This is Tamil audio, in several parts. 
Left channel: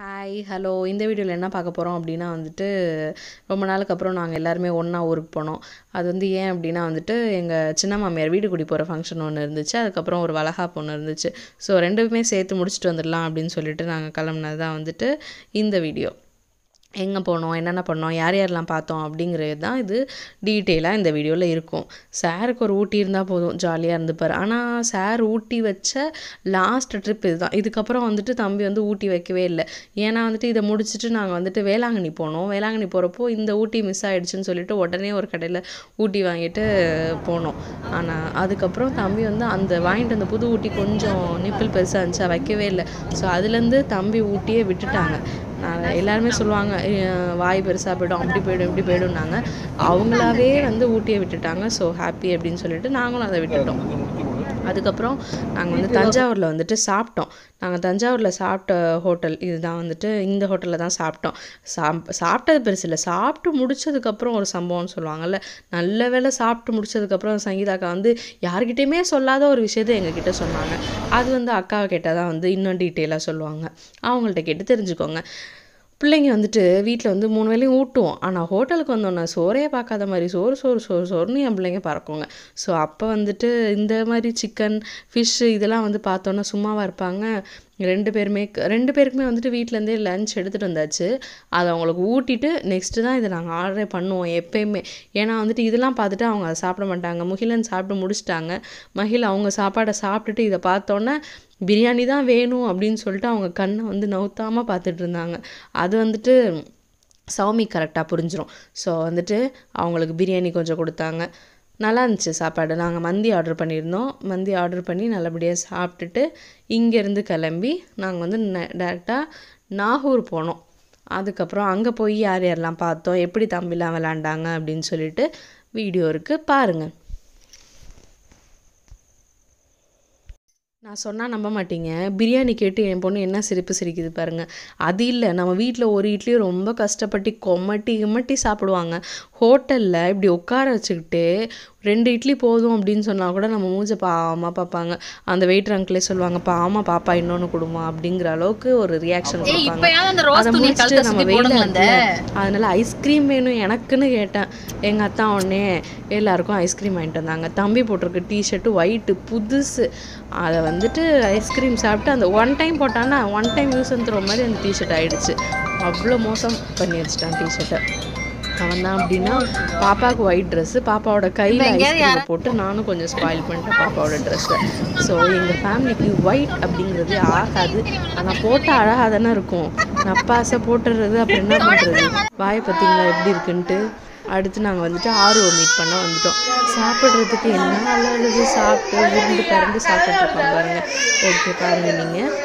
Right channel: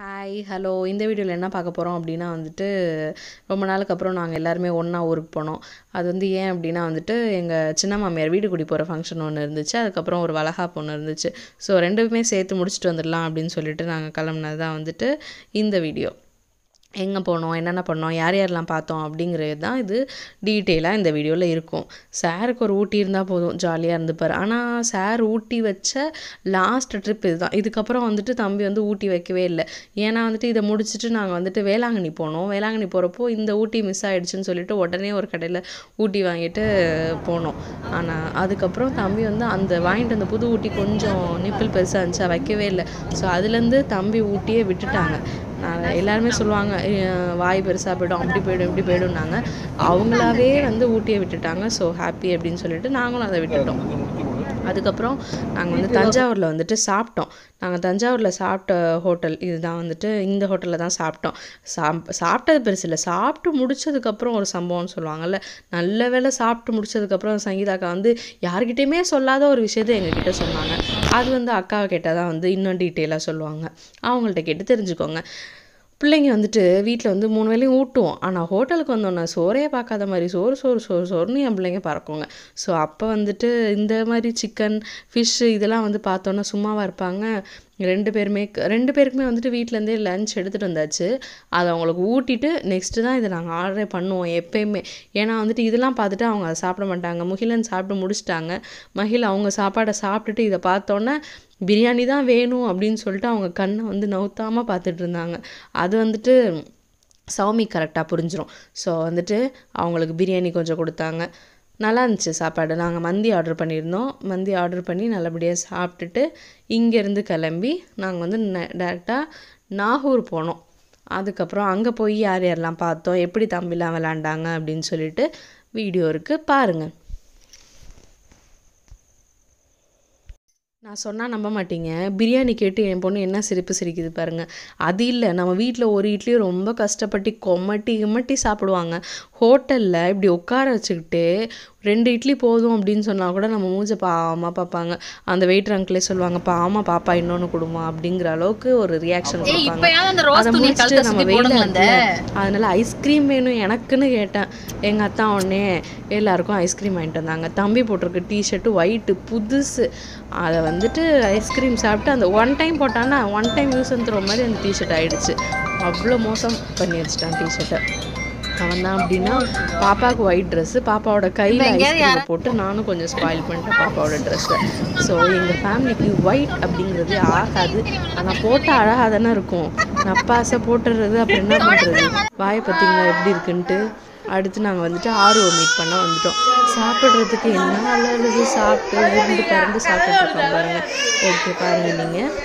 ஹாய் ஹலோ இந்த வீடியோவில் என்ன பார்க்க போகிறோம் அப்படின்னா ரொம்ப நாளுக்கு அப்புறம் நாங்கள் எல்லாருமே ஒன்றா ஊருக்கு போனோம். அது ஏன் அப்படின்னா எங்கள் சின்ன மாமியார் வீடு குடி போகிற ஃபங்க்ஷன் ஒன்று இருந்துச்சு. அதுக்கப்புறம் ஒரு வளகாப்பு ஒன்று இருந்துச்சு. ஸோ ரெண்டுமே சேர்த்து முடிச்சுட்டு வந்துடலாம் அப்படின்னு சொல்லிட்டு நாங்கள் கிளம்புனது தான் இந்த வீடியோ. எங்கே போனோம், என்னென்ன பண்ணோம், யார் யாரெல்லாம் பார்த்தோம் அப்படிங்கிறது தான் இது டீட்டெயிலாக இந்த வீடியோவில் இருக்கும். சாருக்கு ஒரு ஊட்டி இருந்தால் போதும், ஜாலியாக இருந்துப்பார். ஆனால் சார் ஊட்டி வச்ச லாஸ்ட் ட்ரிப் இதுதான். இதுக்கப்புறம் தம்பி ஊட்டி வைக்கவே இல்லை. ஏன்னா இதை முடிச்சுட்டு நாங்கள் வேளாங்கண்ணி போனோம். வேளாங்கண்ணி போகிறப்போ இந்த ஊட்டி மிஸ் ஆகிடுச்சுன்னு சொல்லிட்டு உடனே ஒரு கடையில் ஊட்டி வாங்கிட்டு போனோம். ஆனால் அதுக்கப்புறம் தம்பி அந்த வாங்கிட்டு அந்த புது ஊட்டி கொஞ்சம் நிப்பிள் பெருசாக இருந்துச்சு, வைக்கவே இல்லை. ஸோ அதுலேருந்து தம்பி ஊட்டியே விட்டுட்டாங்க. எல்லாருமே சொல்லுவாங்க வாய் பெருசாக போய்டும், அப்படி போய்டும் இப்படி போய்டும்னாங்க. அவங்களாவே ஊட்டியை விட்டுட்டாங்க. ஸோ ஹாப்பி அப்படின்னு சொல்லிட்டு நாங்களும் அதை விட்டுட்டோம். அதுக்கப்புறம் நாங்கள் தஞ்சாவூரில் சாப்பிட்டோம். நாங்கள் தஞ்சாவூரில் சாப்பிட்ட ஹோட்டல் இதுதான். இந்த ஹோட்டலில் தான் சாப்பிட்டோம். சாப்பிட்டது பெருசு இல்லை, சாப்பிட்டு முடிச்சதுக்கப்புறம் ஒரு சம்பவம்னு சொல்லுவாங்கள்ல, நல்ல வேளை சாப்பிட்டு முடிச்சதுக்கப்புறம் சங்கீதாக்கா யார்கிட்டையுமே சொல்லாத ஒரு விஷயத்தை எங்ககிட்ட சொன்னாங்க. அது அக்காவை கேட்டால் தான் இன்னும் டீட்டெயிலாக சொல்லுவாங்க. அவங்கள்ட்ட கேட்டு தெரிஞ்சுக்கோங்க. பிள்ளைங்க வீட்டில் 3 வேளையும் ஊட்டுவோம். ஆனால் ஹோட்டலுக்கு வந்தோன்னா சோறையே பார்க்காத மாதிரி சோறுன்னு என் பிள்ளைங்க பறக்குங்க. ஸோ அப்போ இந்த மாதிரி சிக்கன் ஃபிஷ்ஷு இதெல்லாம் பார்த்தோன்னா சும்மாவாக இருப்பாங்க. ரெண்டு பேருக்குமே வீட்டிலேருந்தே லன்ச் எடுத்துகிட்டு வந்தாச்சு. அதை அவங்களுக்கு ஊட்டிட்டு நெக்ஸ்ட்டு தான் இதை நாங்கள் ஆர்டரே பண்ணுவோம் எப்போயுமே. ஏன்னா இதெல்லாம் பார்த்துட்டு அவங்க அதை சாப்பிட மாட்டாங்க. முகிலன் சாப்பிட்டு முடிச்சிட்டாங்க. மகிழ் அவங்க சாப்பாடை சாப்பிட்டுட்டு இதை பார்த்தோன்னே பிரியாணி தான் வேணும் அப்படின்னு சொல்லிட்டு அவங்க கண்ணை நவுத்தாமல் பார்த்துட்டு இருந்தாங்க. அது சௌமி கரெக்டாக புரிஞ்சிடும். ஸோ அவங்களுக்கு பிரியாணி கொஞ்சம் கொடுத்தாங்க. நல்லா இருந்துச்சு சாப்பாடு. நாங்கள் மந்தி ஆர்டர் பண்ணியிருந்தோம். மந்தி ஆர்டர் பண்ணி நல்லபடியாக சாப்பிட்டுட்டு இங்கேருந்து கிளம்பி நாங்கள் டேரெக்டாக நாகூர் போனோம். அதுக்கப்புறம் அங்கே போய் யார் யாரெல்லாம் பார்த்தோம், எப்படி தம்பிலாம் விளாண்டாங்க அப்படின்னு சொல்லிட்டு வீடியோ இருக்குது, பாருங்கள். நான் சொன்னால் நம்ப மாட்டீங்க, பிரியாணி கேட்டு என் பொண்ணு என்ன சிரிப்பு சிரிக்குது பாருங்கள். அது இல்லை, நம்ம வீட்டில் ஒரு இட்லி ரொம்ப கஷ்டப்பட்டு கொமட்டி சாப்பிடுவாங்க. ஹோட்டலில் இப்படி உட்கார வச்சுக்கிட்டு 2 இட்லி போதும் அப்படின்னு சொன்னால் கூட நம்ம மூஞ்ச பாவமாக பார்ப்பாங்க. அந்த வெயிட்டர் அங்கிளே சொல்லுவாங்க, பாவமாக பாப்பா இன்னொன்று கொடுமா அப்படிங்கிற அளவுக்கு ஒரு ரியாக்ஷன் கொடுப்பாங்க. அதை முடிச்சுட்டு நம்ம வெயில அதனால ஐஸ்கிரீம் வேணும் எனக்குன்னு கேட்டேன். எங்கள் அத்தா உடனே எல்லாருக்கும் ஐஸ்கிரீம் வாங்கிட்டு வந்தாங்க. தம்பி போட்டிருக்கு டிஷர்ட்டு ஒயிட்டு புதுசு. அதை ஐஸ்கிரீம் சாப்பிட்டு அந்த 1 டைம் போட்டான்னா 1 டைம் யூஸ் பண்ணுற மாதிரி அந்த டிஷர்ட் ஆகிடுச்சு. அவ்வளோ மோசம் பண்ணி வச்சுட்டான் டிஷர்ட்டை. அவன் தான் அப்படின்னா பாப்பாவுக்கு ஒயிட் ட்ரெஸ்ஸு, பாப்பாவோட கையில் ஐஸ்கிரீமை போட்டு நானும் கொஞ்சம் ஸ்பாயில் பண்ணிட்டேன் பாப்பாவோட ட்ரெஸ்ஸை. ஸோ எங்கள் ஃபேமிலிக்கு ஒயிட் அப்படிங்கிறது ஆகாது. ஆனால் போட்டால் அழகாக தானே இருக்கும். நப்பாசை போட்டுடுறது அப்புறம் என்ன பண்ணுறது. வாயை பார்த்தீங்களா எப்படி இருக்குன்ட்டு. அடுத்து நாங்கள் ஆர்வம் மீட் பண்ண வந்துட்டோம். சாப்பிட்றதுக்கு என்ன அழகு, சாப்பிட்டு உருண்டு பறந்து சாப்பிட்டுட்டு இருக்கோம் பாருங்கள். ஓகே பாருங்கள் நீங்கள்.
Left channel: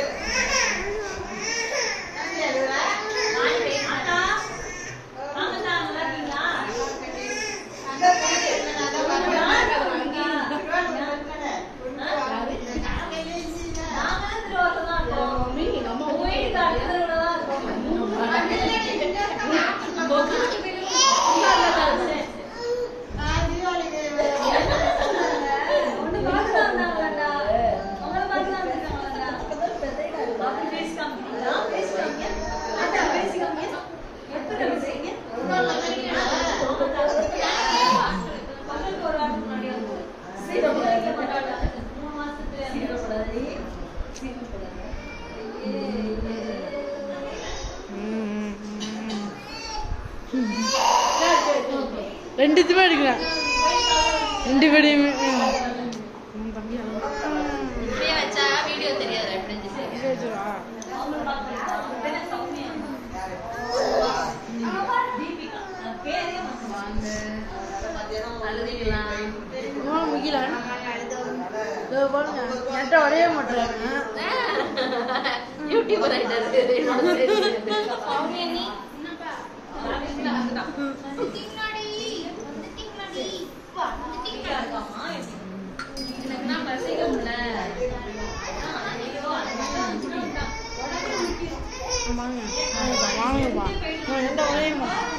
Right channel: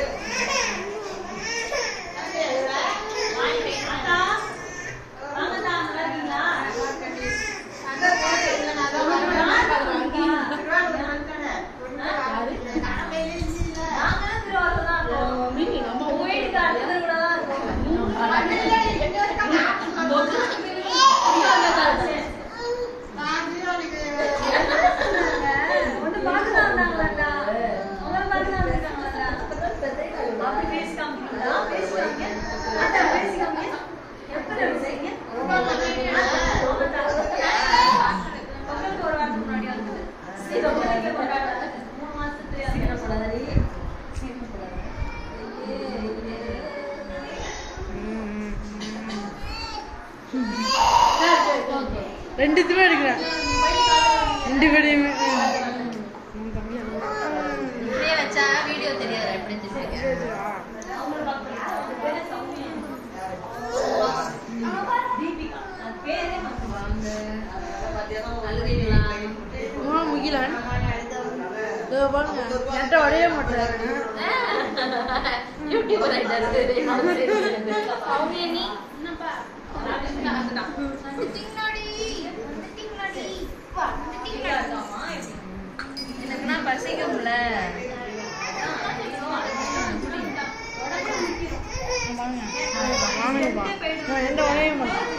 ரெண்டுத்துமே எடுக்கிறேன், 2 பேரையுமே. முகிலன் பாருங்க, என்கிட்ட உடைய மாட்டேன். வாங்கப்பா, நான் எந்த உடைய மாட்டேன்.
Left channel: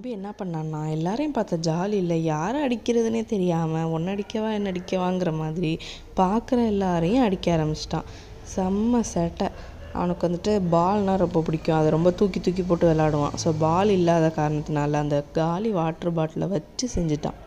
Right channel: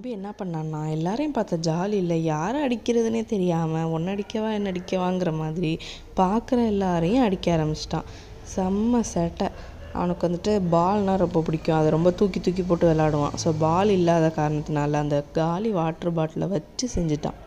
தம்பி என்ன பண்ணான்னா, எல்லாரையும் பார்த்த ஜாலியில் யாரை அடிக்கிறதுனே தெரியாமல் ஒன்று அடிக்கவா என்ன அடிக்கவாங்கிற மாதிரி பார்க்குற எல்லாரையும் அடிக்க ஆரம்பிச்சிட்டான். செம்ம சேட்டை. அவனுக்கு வந்துட்டு பால்னால் ரொம்ப பிடிக்கும். அதை ரொம்ப தூக்கி தூக்கி போட்டு விளாடுவான். ஸோ பால் இல்லாத காரணத்தினால அந்த காலி வாட்டர் பாட்டிலை வச்சு செஞ்சுட்டான்.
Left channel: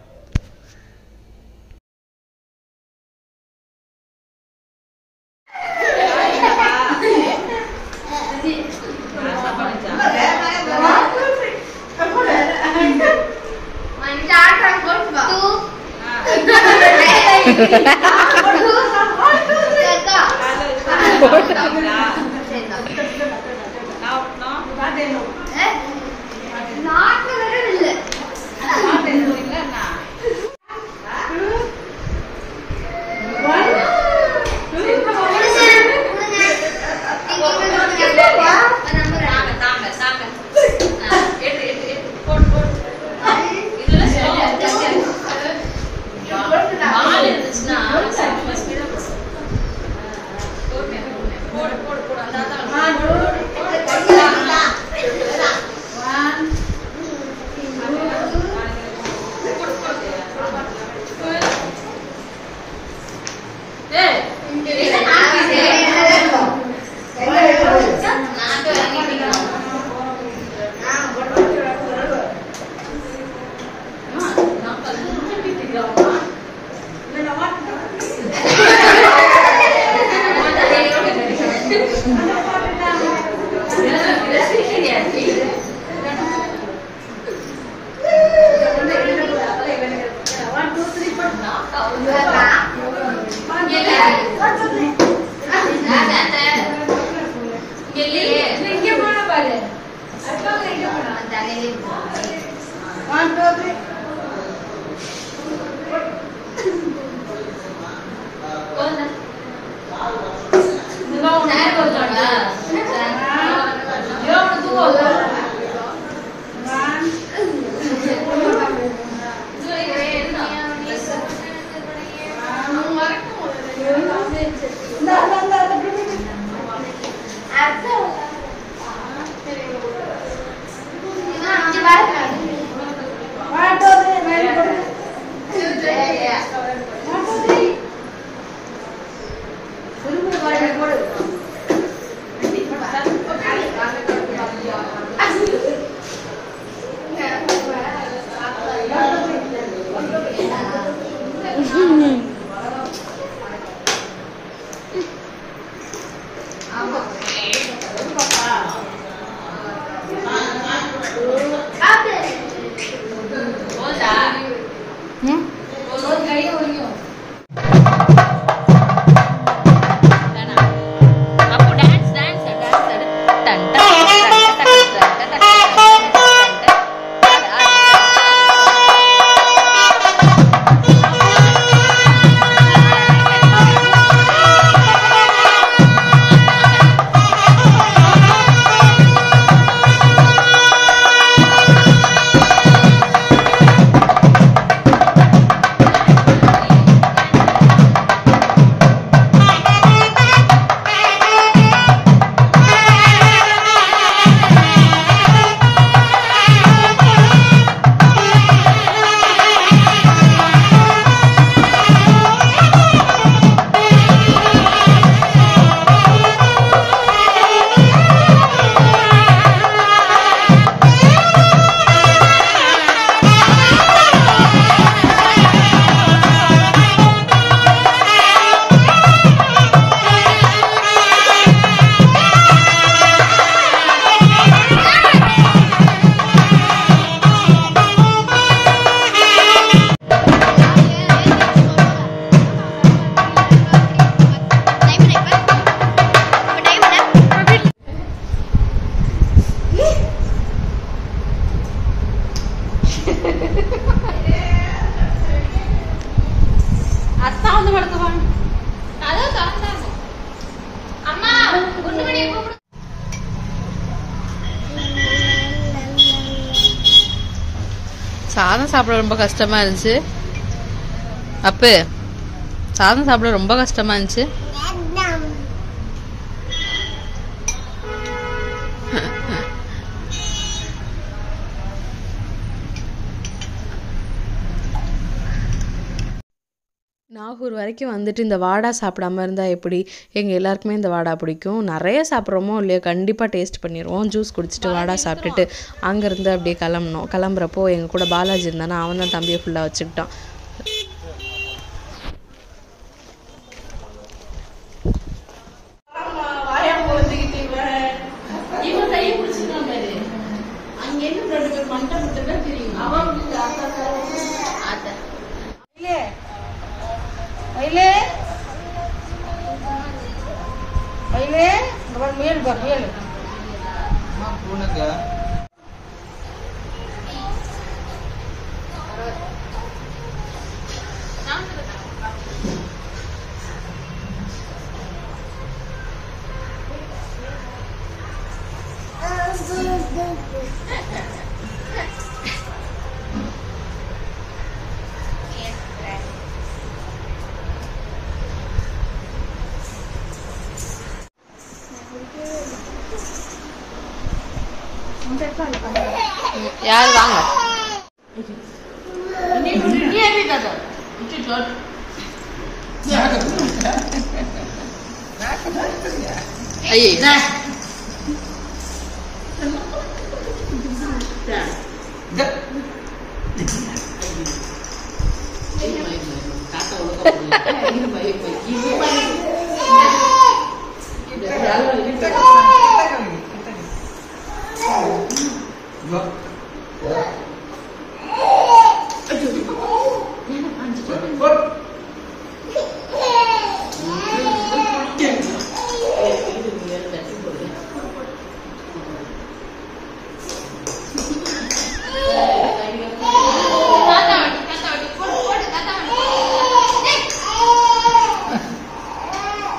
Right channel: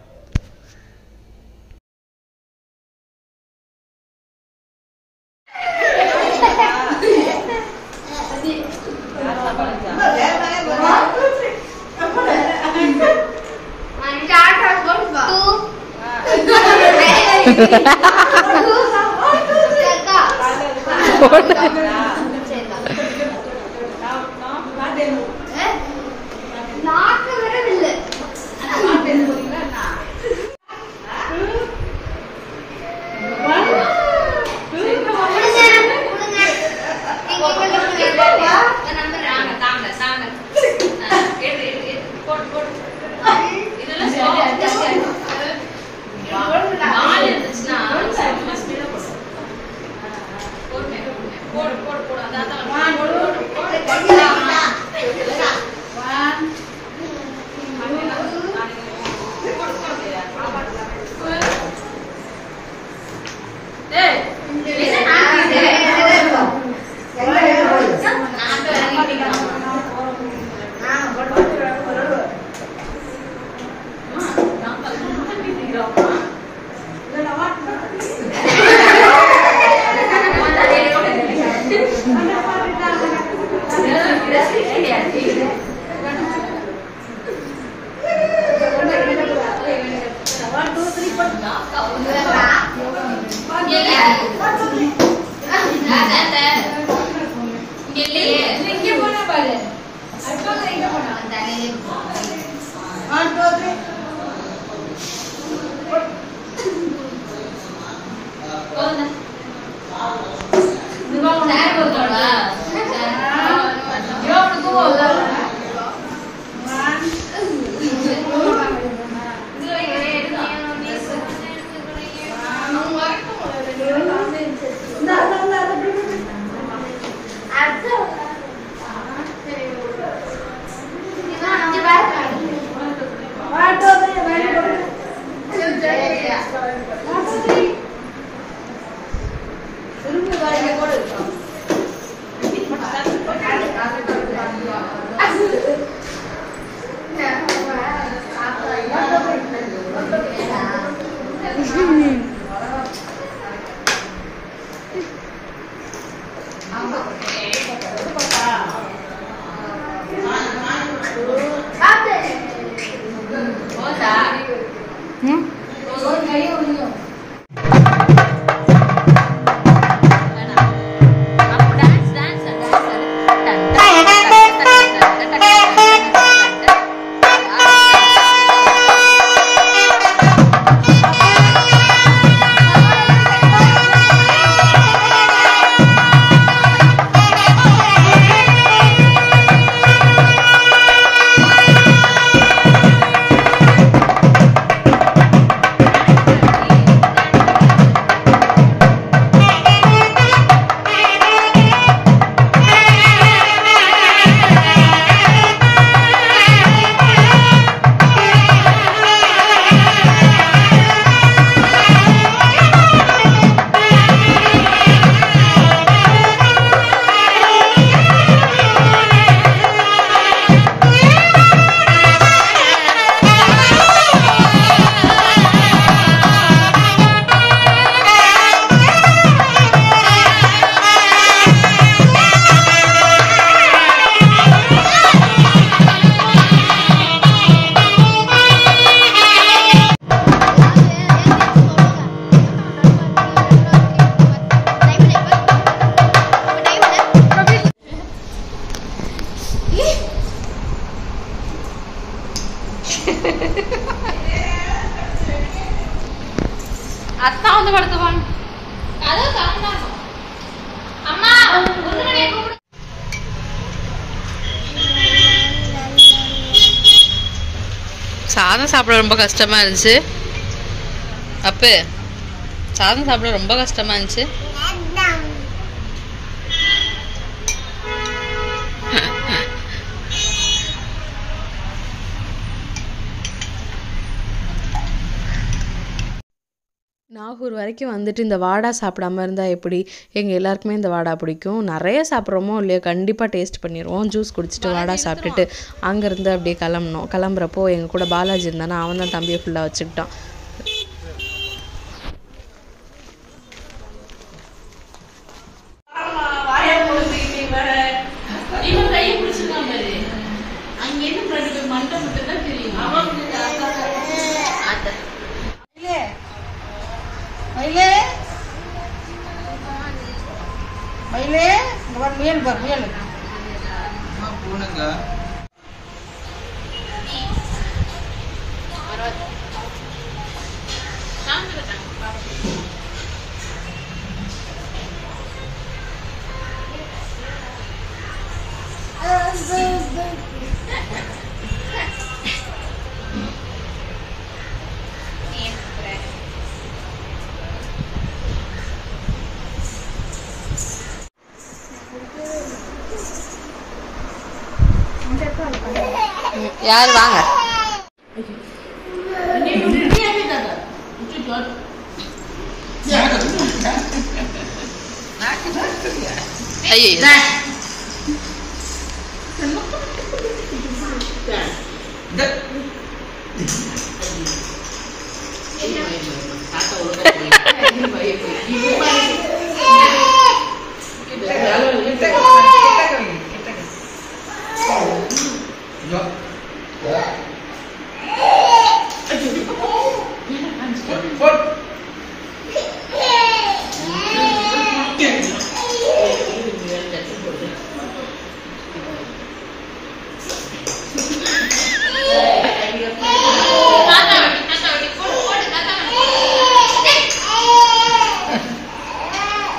அத்தா வந்து படுத்துவாங்க. கதவு திறந்தாங்க. அம்மா குண்டுமணியை கூப்பிடு. சாதம் சாப்பிட ரொம்ப கஷ்டமா இருந்துச்சு. அப்பு சாதம் சாப்பிட ரொம்ப கஷ்டமா இருந்துச்சு. நாகூர் வரைக்கும் வந்துட்டு இந்த வாடா சாப்பிடாம இருந்தால் எப்படி? எங்கள் எல்லாருக்குமே இந்த வாடா பிடிக்கும். நிறைய சாப்பிட்றோமோ இல்லையோ கண்டிப்பாக டேஸ்ட் பண்ணிடுவோம். ஜூஸ் குடிச்சிட்டு வாடா சாப்பிட்டுட்டு அங்கேருந்து அப்படியே கிளம்புனோம். கிளம்புறப்போ எங்கள் கூட பாலாஜி இருந்தானா, அவன் தான் தம்பியை ஃபுல்லாக வச்சுக்கிட்டான். யார் வாங்க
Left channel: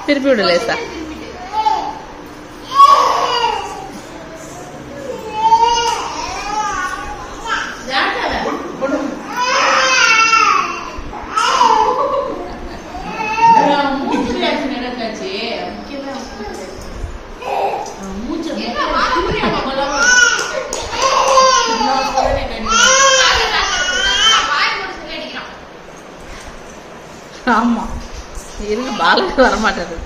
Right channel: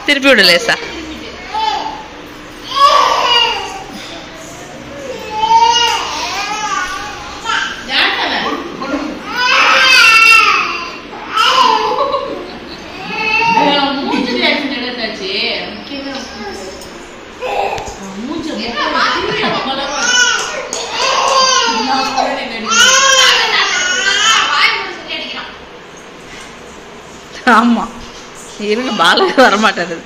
திருப்பி விடு லேசா. ஆமா இருங்க, பாலக வரமாட்டாரு.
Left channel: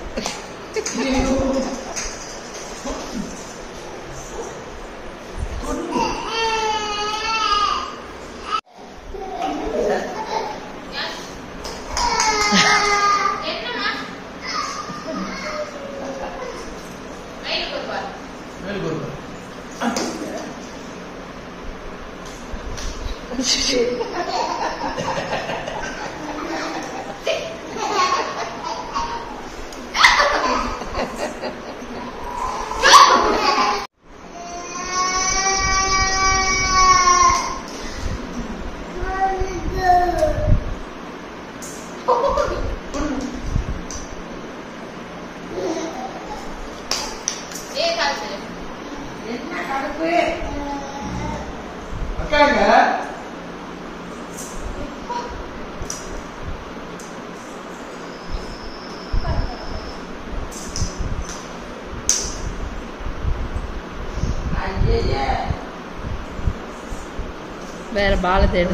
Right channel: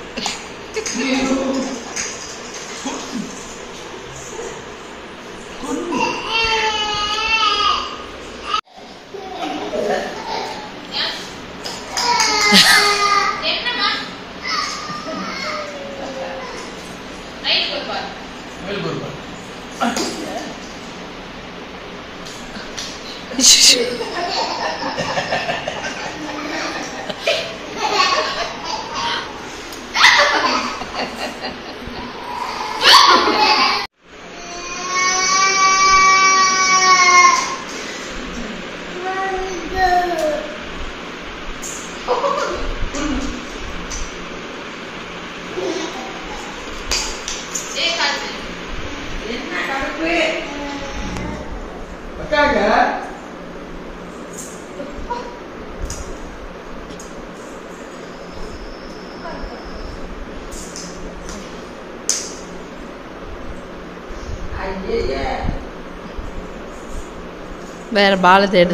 வேற பால தேடு.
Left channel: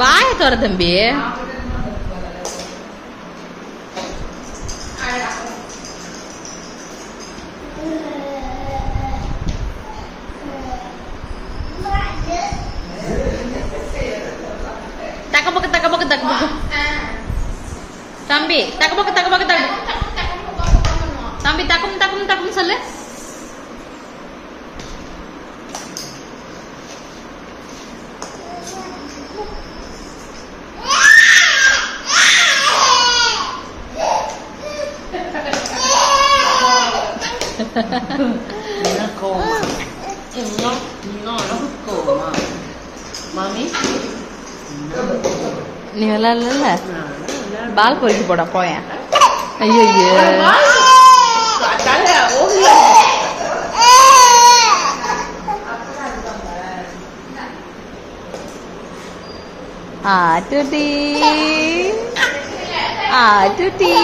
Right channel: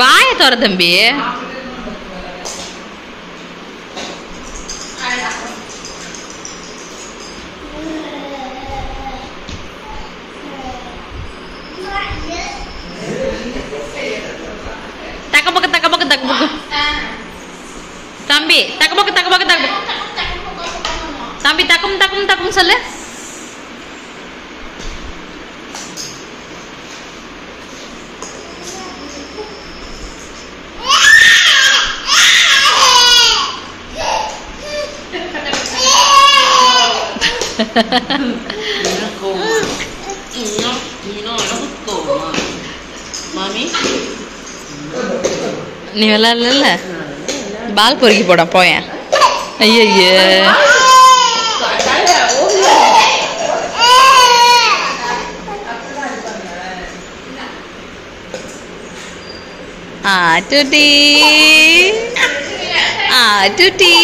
வாய தோற தம்பி. தம்பி தக்கபக்கு தக்கபக்கு தம்பி தக்கும் தக்கும் தக்கும் சொல்லு. நீ விளையாடல, பால் பொறுக்கி போட போயேன். ஐயோ ஆட்டுட்டி ஆட்டுட்டி.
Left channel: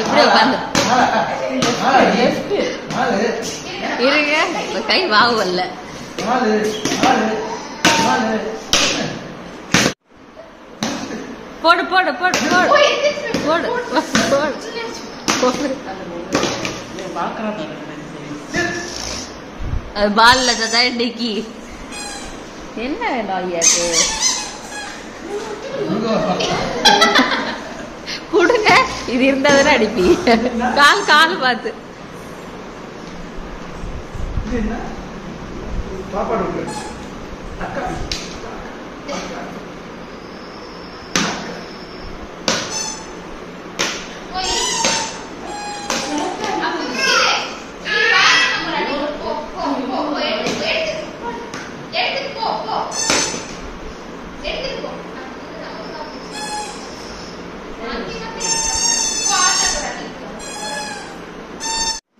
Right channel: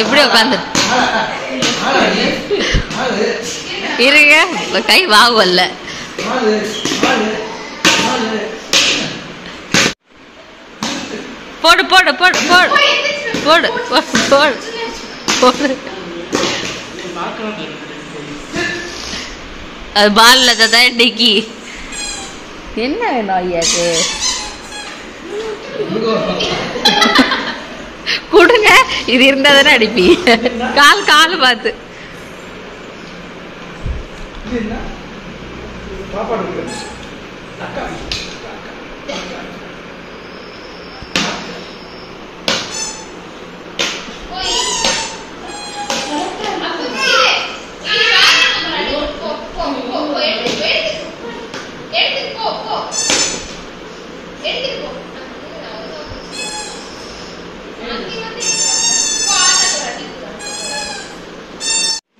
எப்படி உட்காந்து இருங்க, கை வாங்கல. போடு போடு போடு போடு போடு போடு போடு. அது பால்ல தான் இன்னைக்கு என்ன நாயாக்கு கொடுங்க. இது இருந்தா தானே அடிப்பி. கால் கால் பார்த்து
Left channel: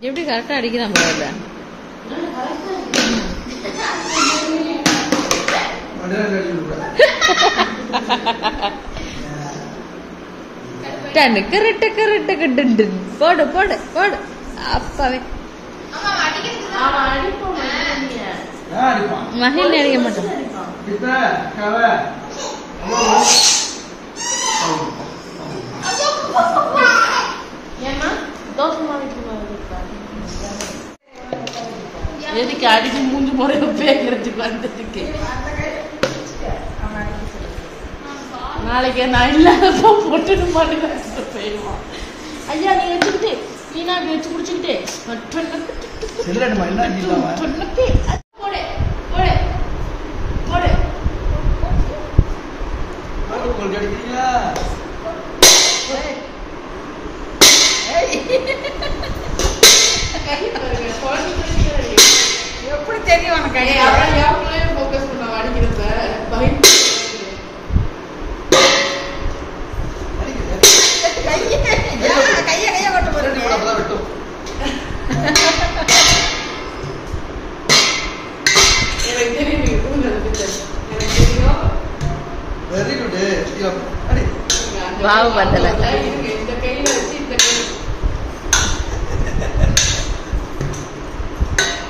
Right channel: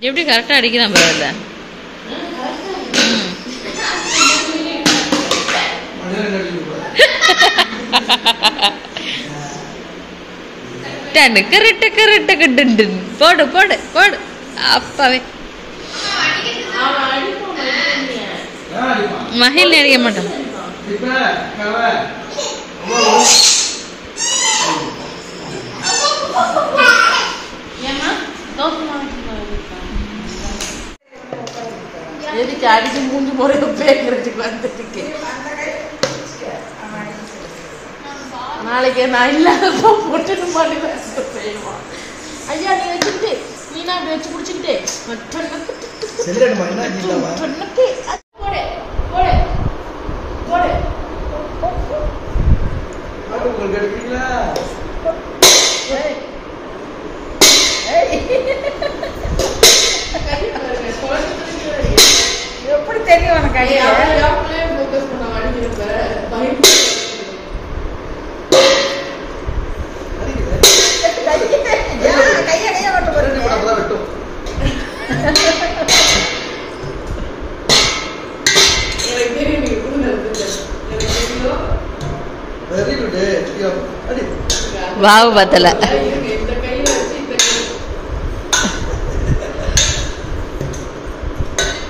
எப்படி கரெக்டா அடிக்கிறான் பாரு. போடு போடு போடு. அப்பாவே மகிழ் அறிய மாட்டோம். எதுக்கு அடிச்சு 3 முறை பேக்கிறதுக்கு வந்துருக்கு. நாளைக்கு நான் இல்லாதப்போ போட்டு மாட்டேன். ஐயா நீ வச்சுக்கிட்டே நீனா வச்சு குடிச்சுக்கிட்டே எப்படி தெரியும் உனக்கு வாவு பத்தல.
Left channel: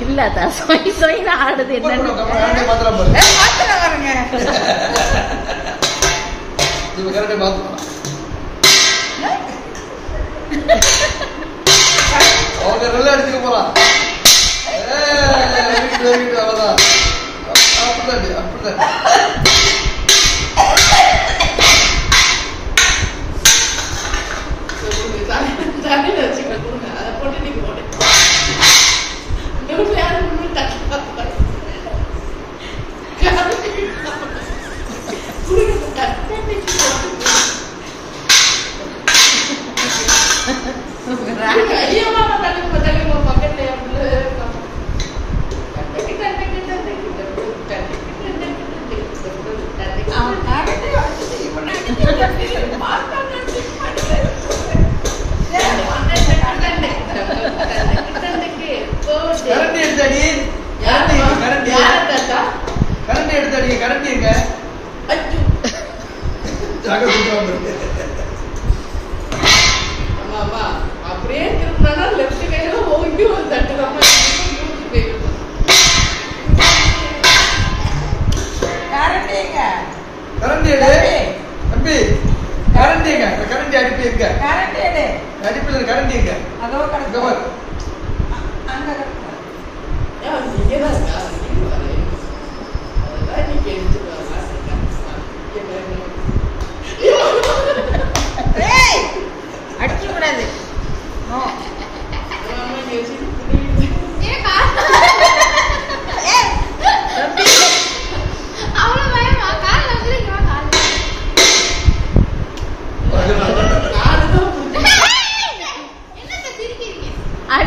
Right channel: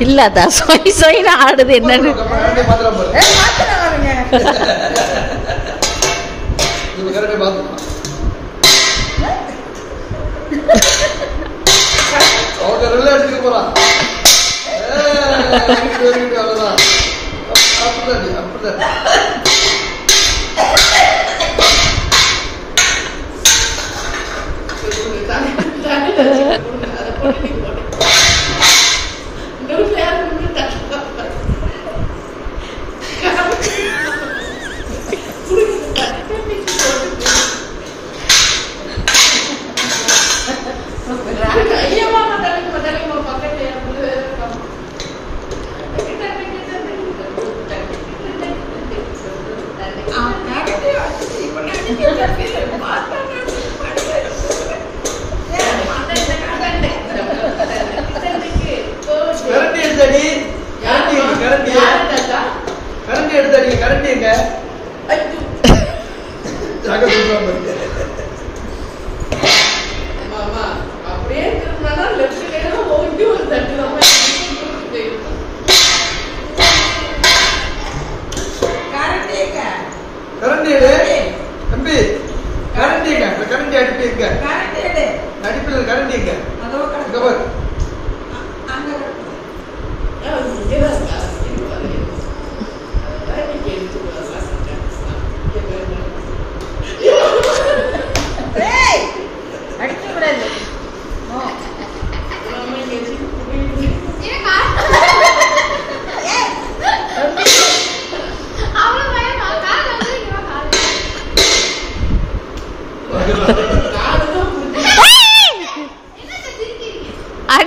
இல்லாதா சொய் சொயின்னு ஆடுது என்னன்னு.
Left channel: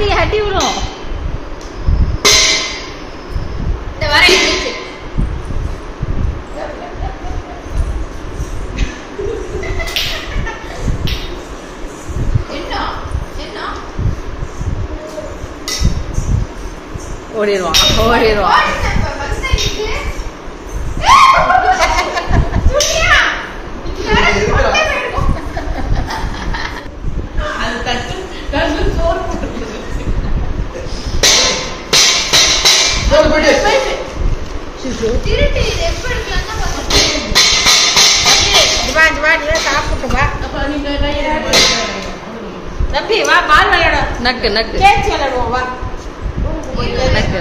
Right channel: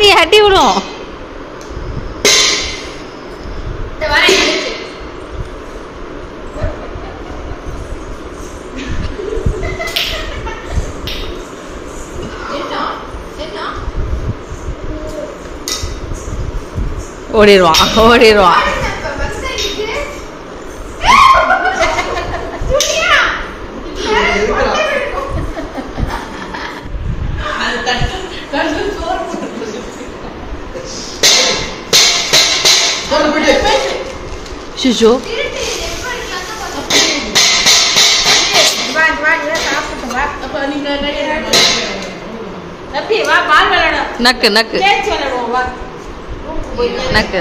அடி அடி விடும். ஓடிடுவான் ஓடிடுவான். ஷிஷு நக்கு நக்கு நக்கு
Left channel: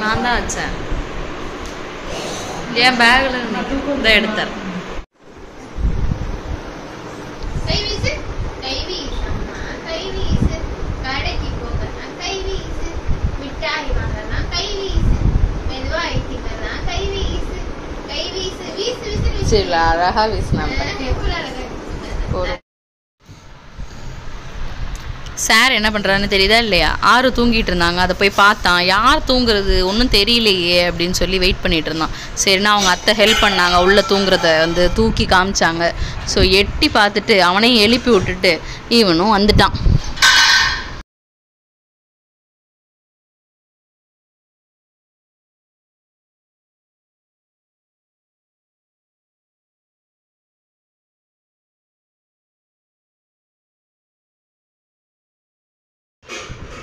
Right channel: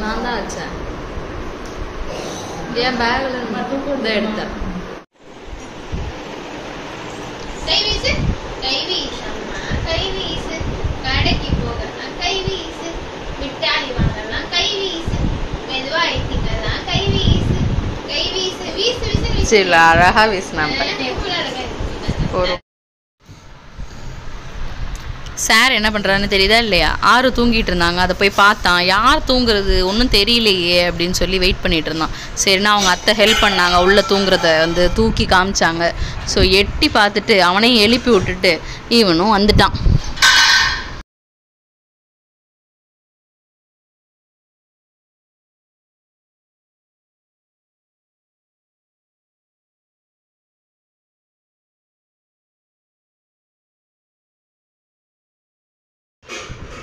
நான் தான் வச்சேன். என் பேக்ல இதை எடுத்தேன். கடைக்கு போகலாம் கை வீசு, மிட்டாய் வாங்கலாம் கை வீசு, மெதுவா ஐட்டிக்கலாம் கை வீசு, கை வீசு வீசு வீசு. சரி அழகா வீசினாங்க. சார் என்ன பண்ணுறான்னு தெரியுதா இல்லையா? ஆறு தூங்கிட்டு இருந்தாங்க. அதை போய் பார்த்தான். யார் தூங்குறது ஒன்றும் தெரியலையே அப்படின்னு சொல்லி வெயிட் பண்ணிட்டு இருந்தான். சரின்னா அவங்க அத்தை ஹெல்ப் பண்ணாங்க. உள்ளே தூங்குறத வந்து தூக்கி காமிச்சாங்க. ஸோ எட்டி பார்த்துட்டு அவனையும் எழுப்பி விட்டுட்டு இவனும் வந்துட்டான்.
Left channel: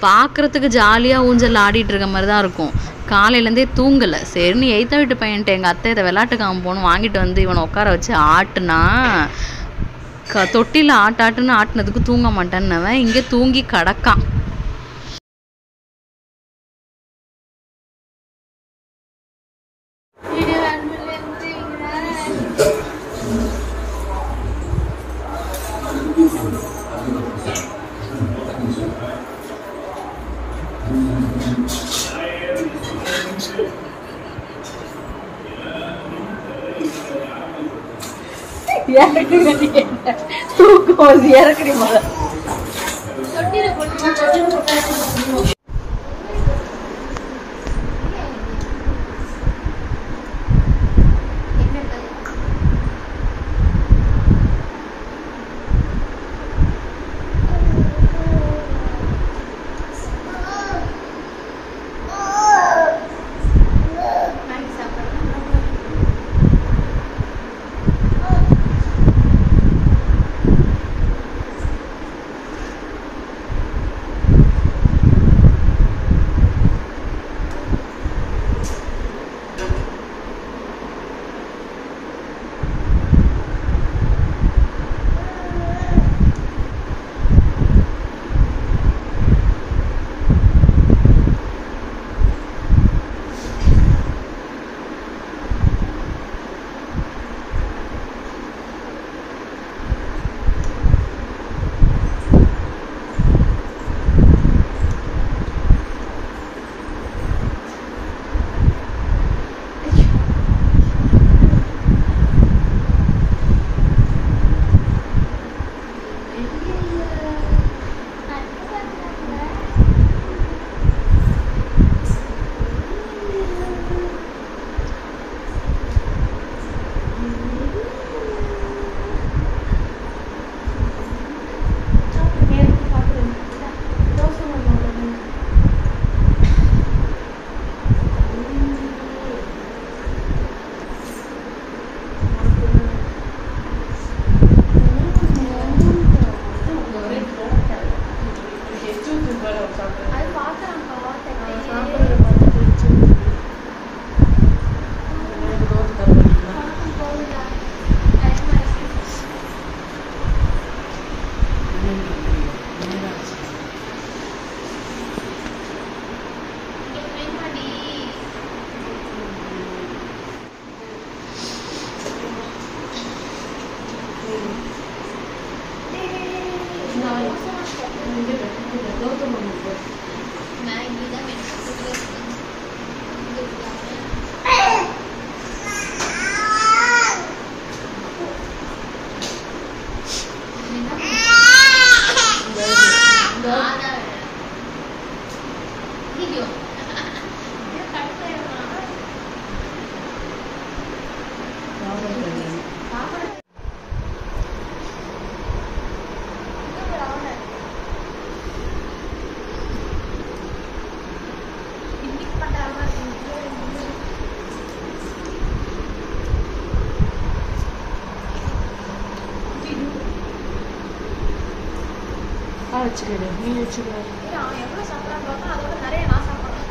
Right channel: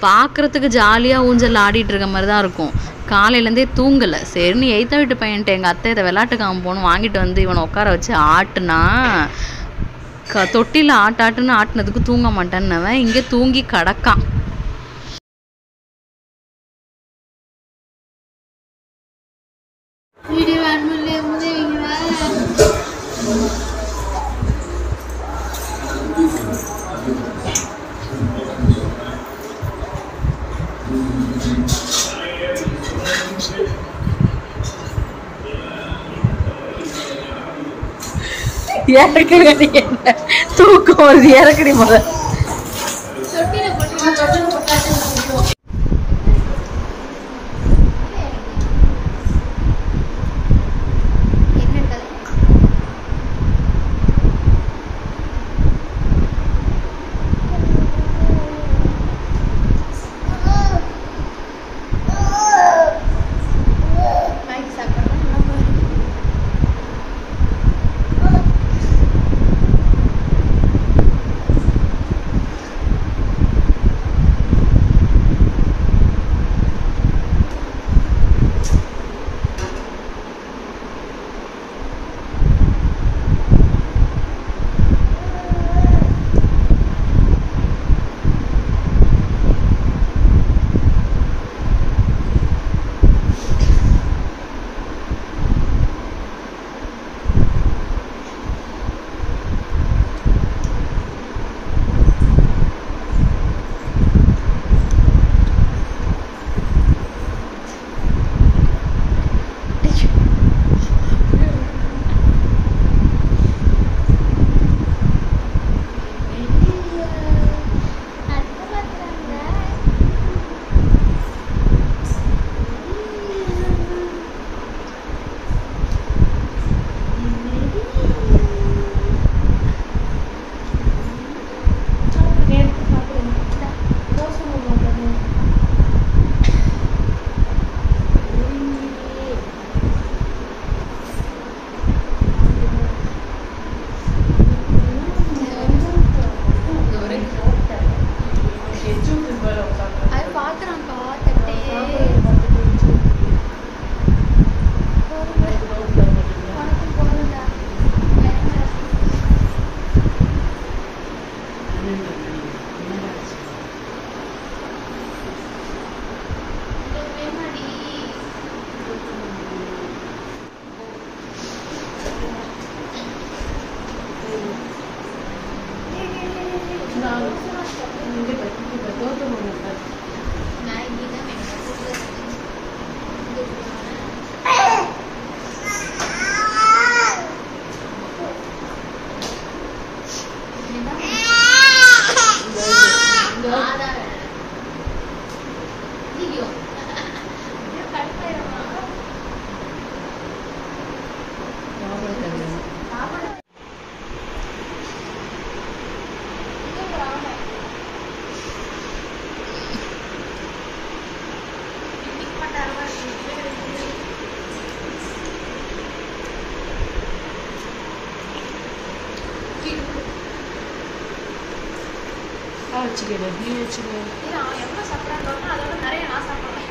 பார்க்குறதுக்கு ஜாலியாக ஊஞ்சல் ஆடிட்டு இருக்க மாதிரி தான் இருக்கும். காலையிலேருந்தே தூங்கலை. சரின்னு எய்த்த வீட்டு பையன்ட்டு எங்கள் அத்தை இதை விளாட்டுக்காம போகணும் வாங்கிட்டு வந்து இவனை உட்கார வச்சு ஆட்டுனா தொட்டியில் ஆட்டாட்டுன்னு ஆட்டினதுக்கு தூங்க மாட்டேன்னவன் இங்கே தூங்கி கிடக்கான். இறக்குறது என்ன தூக்கம் வருது? இறக்குறி முதல்ல. வேணா வச்சுக்கிடு, நீ வச்சுக்கோ. அவன் எவ்வளோ சாப்பிட்றான்னு அதோட நிறைய நான் சாப்பிட்றேன்.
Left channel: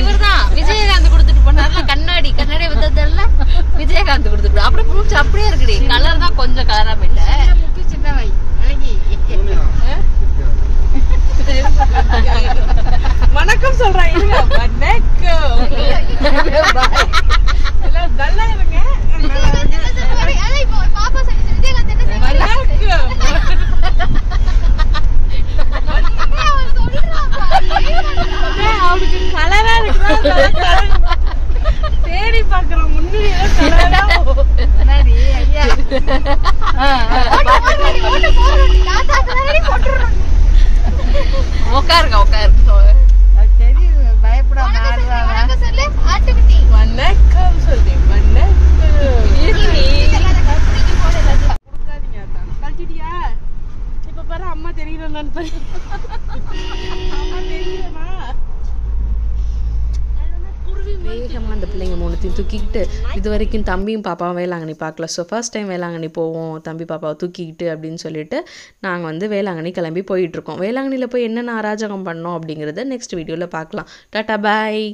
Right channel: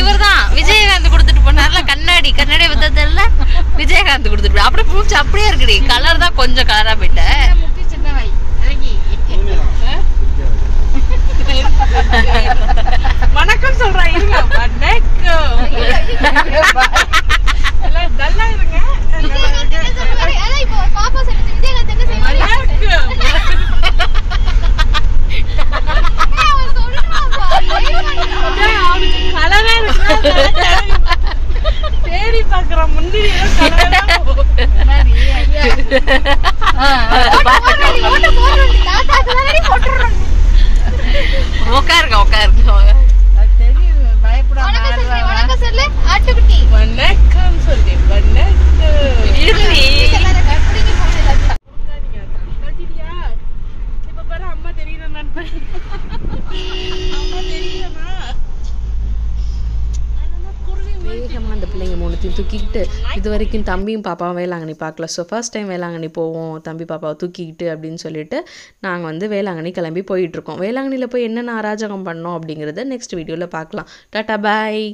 இவர்தான் விஜயகாந்த் கொடுத்துட்டு போனார்ல கண்ணாடி கண்ணாடி வித்ததில்ல விஜயகாந்த் கொடுத்துட்டு அப்படியே பூச்சி அப்படியே இருக்குடி கலர் தான் கொஞ்சம் கலரா போயிட்டேன் வணக்கம் சொல்றேன் இருங்க வணக்கம் நல்லா இருங்க அவனுக்கு கலரா இருக்கு தேடி பாக்குறான் முன்னாடி உட்காருங்க உட்காருங்க தெரியும் பயப்படாம வணக்கம் சொல்லு கழட்டிட்டியா இப்ப பாரு அம்மா தெரியுறேன் வேகமாக அந்த பிள்ளைங்க மூணுத்தையும் தூக்கிக்கிட்டு இது வரைக்கும் தம்பியும் பாப்பாவும் வேளாங்கண்ணி பார்க்கல. ஸோ ஃபர்ஸ்ட் டைம் வேளாங்கண்ணி போவோம் தம்பி பாப்பாவை தூக்கிக்கிட்டு அப்படின்னு சொல்லிட்டு நாங்கள் வந்து வேளாங்கண்ணி கிளம்பி போயிட்டுருக்கோம். வேளாங்கண்ணியில் போய் என்னென்ன அராஜகம் பண்ணோம் அப்படிங்கிறத நெக்ஸ்ட் வீடியோவில் பார்க்கலாம். டாட்டா பாய்.